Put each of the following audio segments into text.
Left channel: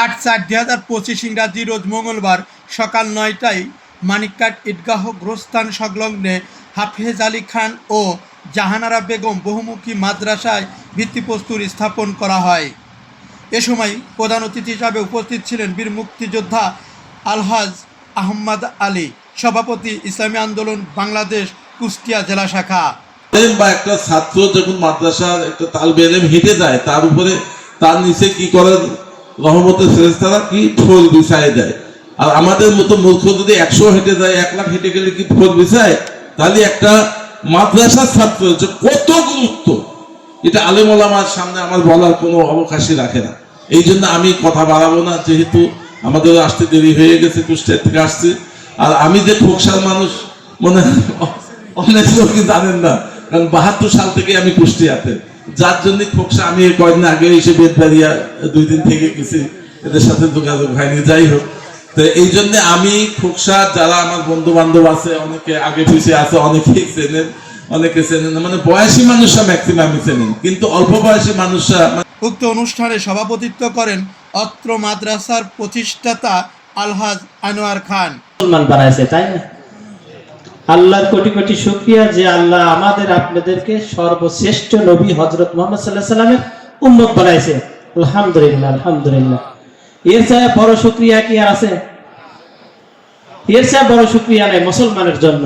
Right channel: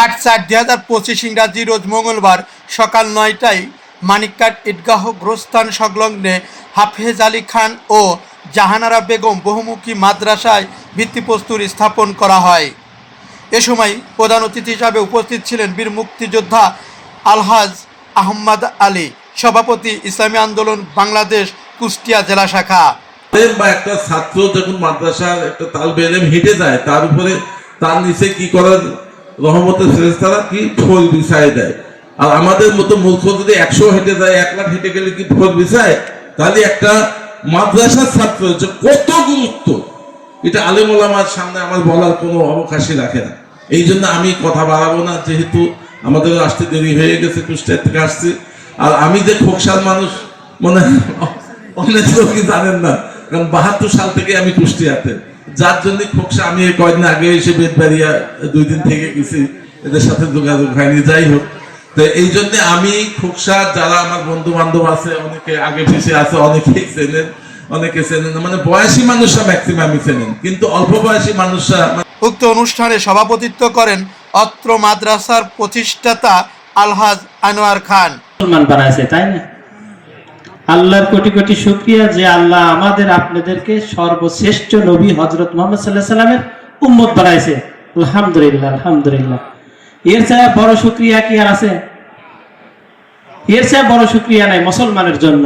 আট চার দুই হাজার পঁচিশ ইংরাজি রোজ মঙ্গলবার সকাল নয়টায় মানিককাট ঈদগাহ গ্রস্থান সংলগ্নে হাফেজ আলী খান ও জাহানারা বেগম বহুমুখী মাদ্রাসায় ভিত্তিপ্রস্তুর স্থাপন করা হয়। এ সময় প্রধান অতিথি হিসাবে উপস্থিত ছিলেন বীর মুক্তিযোদ্ধা আলহাজ আহম্মদ আলী, সভাপতি ইসলামী আন্দোলন বাংলাদেশ কুষ্টিয়া জেলা শাখা। বা একটা ছাত্র যখন মাদ্রাসার একটা তালবে এলেম হেঁটে যায়, তার উপরে তার নিচে কি করার রহমতের ফেরেস্তারা কি ফল বিছায় দেয়? আর আমাদের মতো মূর্খ যদি একশো হেঁটে যায়, এক লাখ হেঁটে গেলে কি ফল বিছায়? তাহলে একটা মাদ্রাসার ছাত্র হচ্ছে কত গুরুত্ব, এটা আলেম ওলামার সামনে আমার বলার কোনো অবকাশই রাখে না। এই জন্য আমি কথা বাড়াবো না, যেহেতু আমাদের আসতে দেরি হয়ে গেছে, কুষ্টিয়া থেকে আসছি। আর আমি যে খোকসার মানুষ মানে অনেক লোকই জানেন না, কারণ বাহাত্তর সাল থেকে আমি কুষ্টিয়াতে। যার জন্য খোকসা আমি এই কয়েকদিন আগে এসে বেদবাড়িয়া দুই দিন থেকে গেছি। এদের সাথে যোগাযোগ হয়নি যাই হোক। তো এই জন্য আমি খোকসা যারা আমার বন্ধু বান্ধব আছে অনেকে আগে পিছিয়ে আছে অনেকেই চেনেন অনেকে চেনেন। মানে বয়সী মানুষরা ম্যাক্সিমামই চেনেন। কিন্তু অল্প বয়সী মানুষরা উক্ত অনুষ্ঠানে সভাপতিত্ব করেন অত্র মাদ্রাসার প্রতিষ্ঠাতা আলহাজ আনোয়ার খান। বানাইছে তাই না? আল্লাহর কোটি কোটি শুক্রিয়া যে আল্লাহ আমাদের আপনাদেরকে সর্বশ্রেষ্ঠ নবী হজরত মোহাম্মদ সাল্লাহ সাল্লামের উম্মত বানাইছে। আলহামদুলিল্লাহ আলহামদুলিল্লাহ। এর বড় শুক্রিয়া কি আর আছে? এর বড় শুক্রিয়া নাই মুসলমানের জন্য।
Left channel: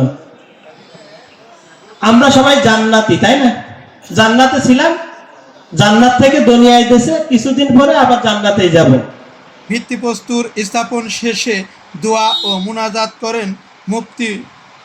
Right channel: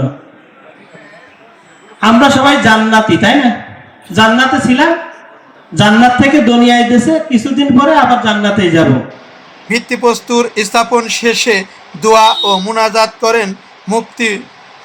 আমরা সবাই জান্নাতি, তাই না? জান্নাতে ছিলাম, জান্নাত থেকে দুনিয়ায় দেশে কিছুদিন পরে আবার জান্নাতেই যাব। ভিত্তিপ্রস্তুর স্থাপন শেষে দোয়া ও মুনাজাত করেন মুফতি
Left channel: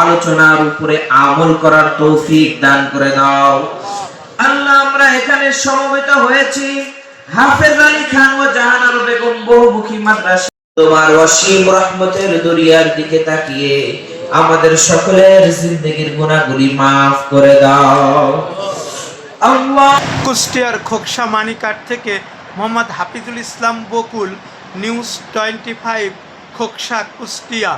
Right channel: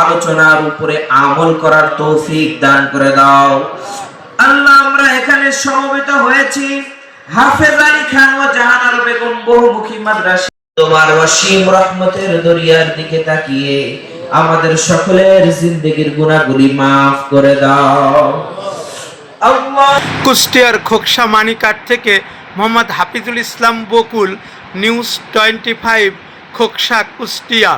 আলোচনার উপরে আমল করার তৌফিক দান করে দাও। আল্লাহ, আমরা এখানে সমবেত হয়েছি। হাফেজ আলী খান ও জাহানার বেগম বহুমুখী মাদ্রাসা। তোমার অসীম রহমতের দরিয়ার দিকে তাকিয়ে আমাদের সকলের জিন্দগির গুনাহগুলি মাফ করে দাও। কুষ্টিয়ার খোকসা মানিকাট থেকে Mohammad Hafizul Islam Bakul, news twenty five, Khoksa Kushtia.